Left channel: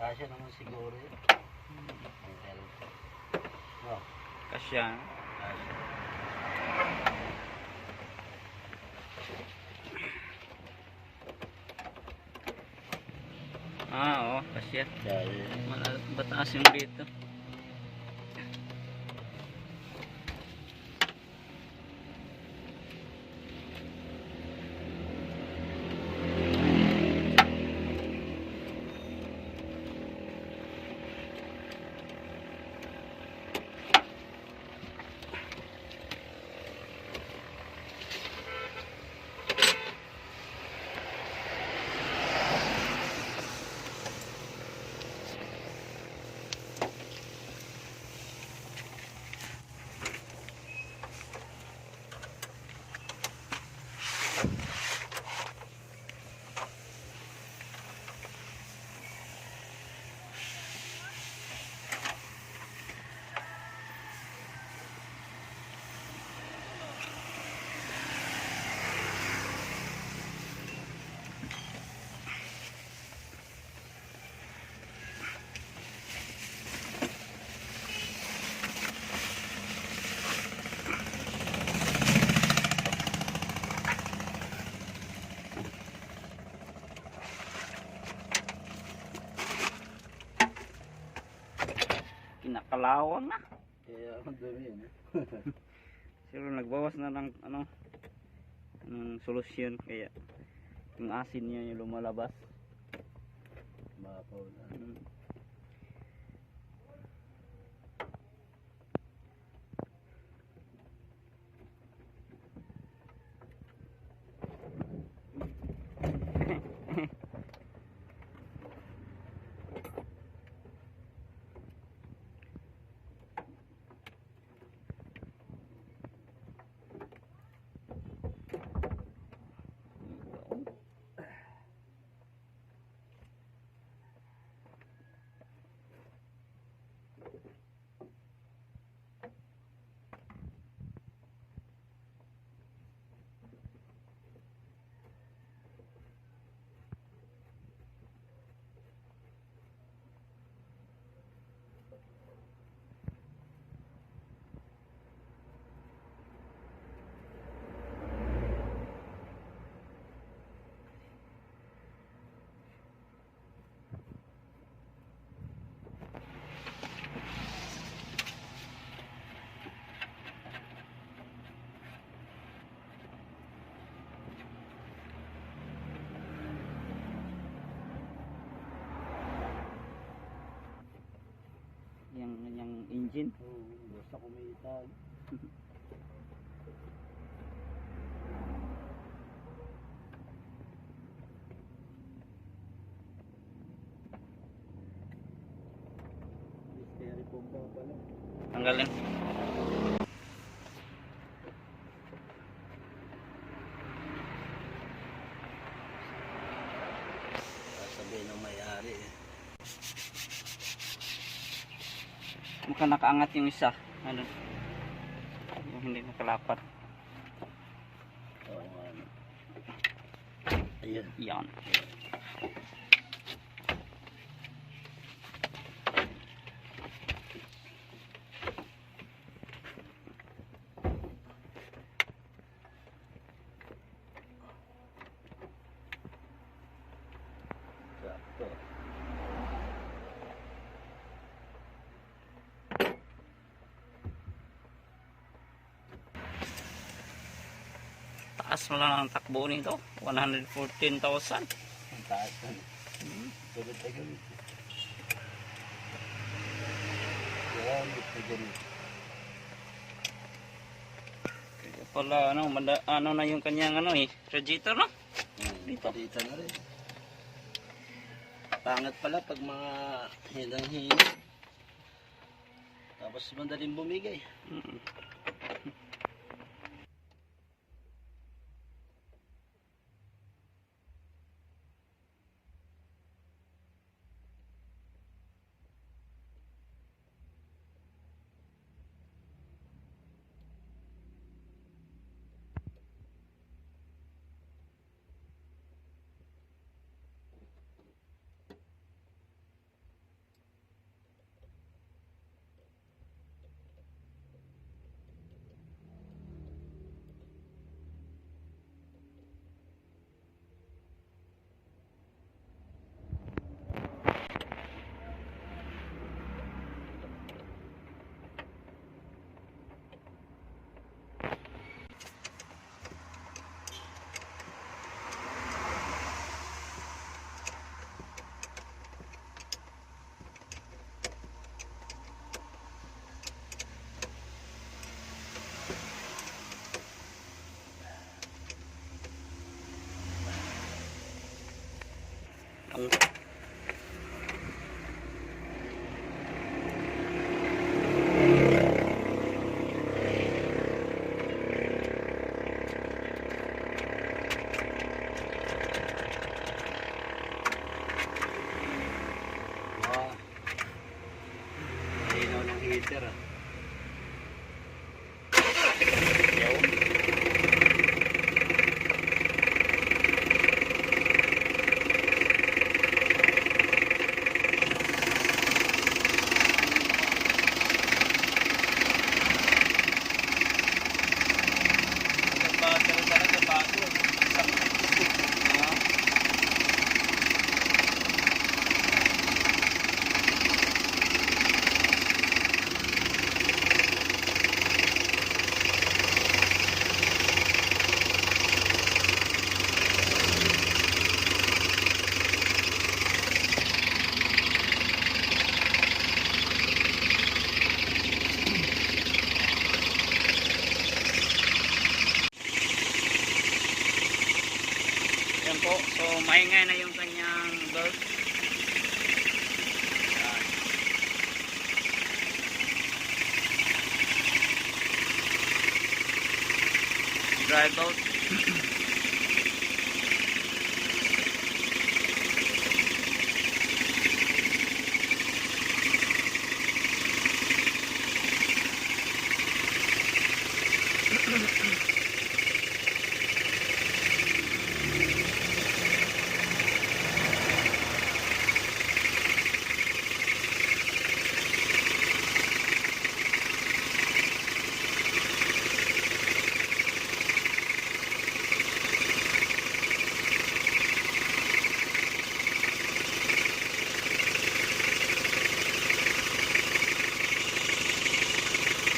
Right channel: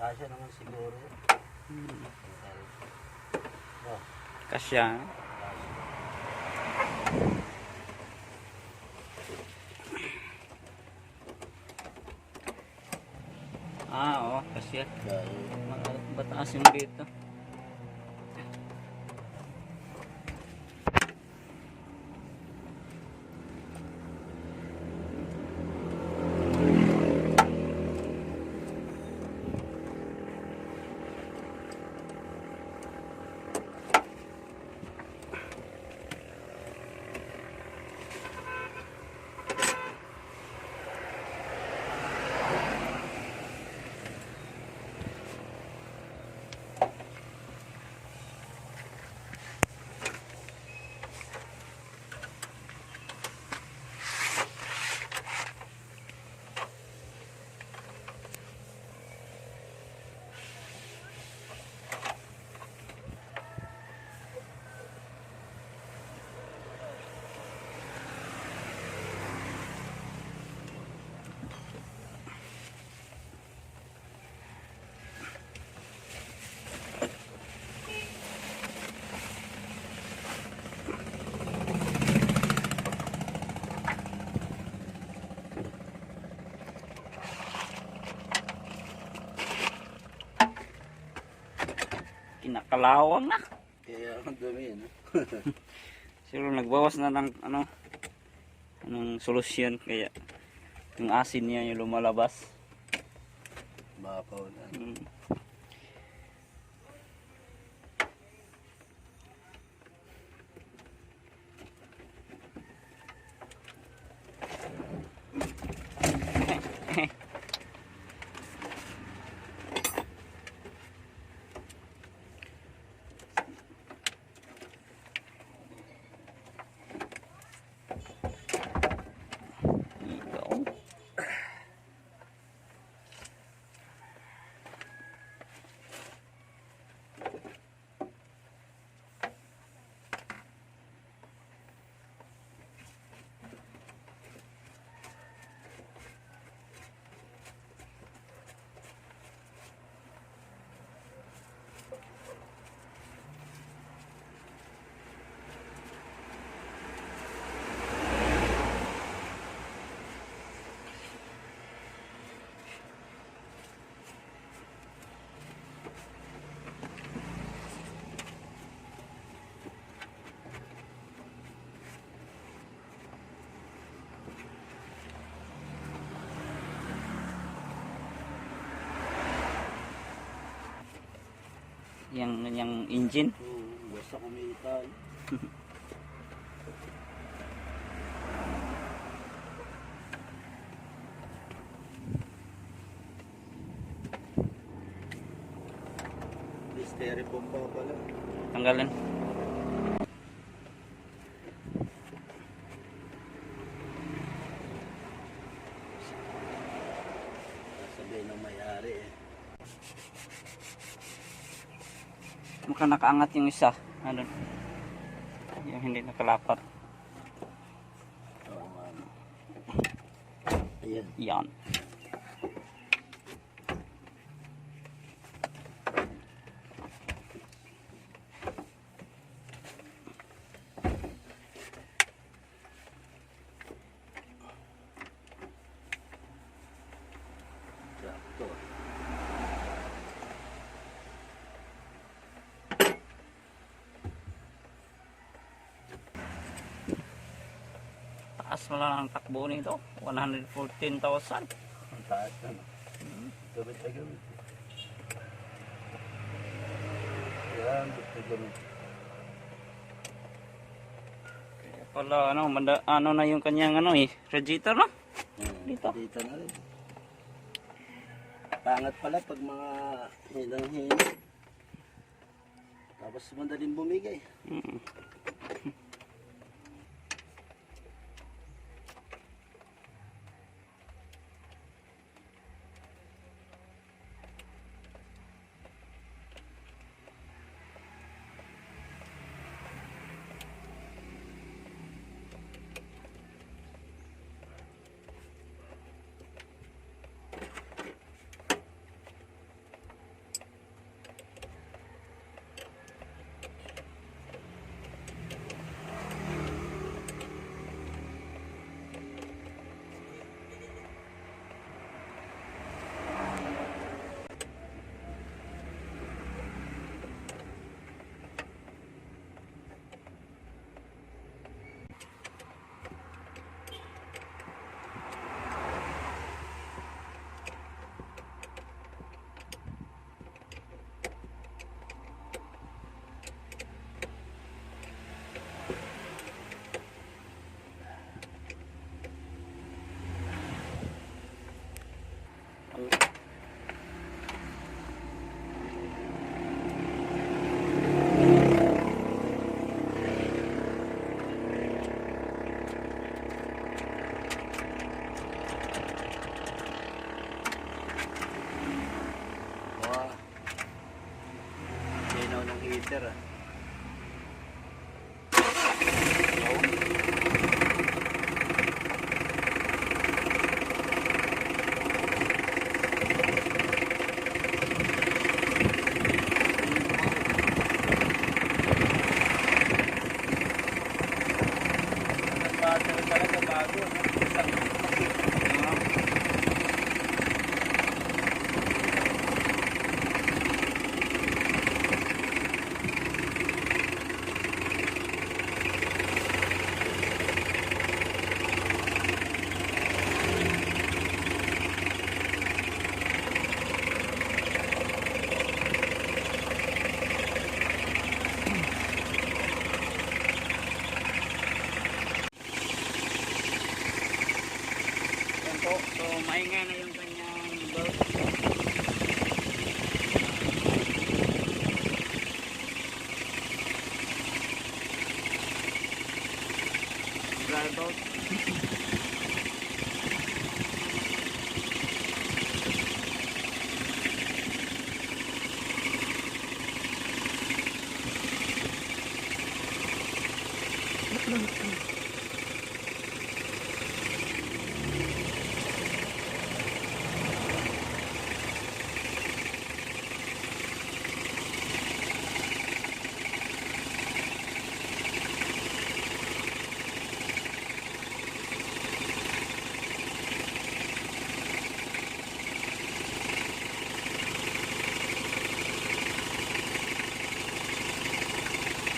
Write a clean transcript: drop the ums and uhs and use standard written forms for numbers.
Kasya naman siguro. No, Kasya. Oo, kasya. Bataas yung dito. Kinakalawang na. kaya ang dumi yan. Siguro nagbawas na ng anong solusyon kaya yung asin niya yung lumalabas. Mapaw na. Yung engine. Basta kumital. Styrofoam pa pala. Tanggalin. Sabihin ng may-ari eh. Mukha nakaangat yung isa. Ano? Yung hindi nakalapat. Oo nga. Ayan. Yan. Sakto. Taas mo lang ang takbo nito. 114,000. Ang taas na. Gabit na gabit. Yan, bit na ganit. Pala ano na yung kanyang radiator na. Dito. Dito na rin. Pangat pala pag mga hinang-hina. Tapos madaling bumigay. Sir, ah. Yaw. Bago talaga, bago. Ah, yan po. So, maingay na yung kanyang bird. Yan. Drive out.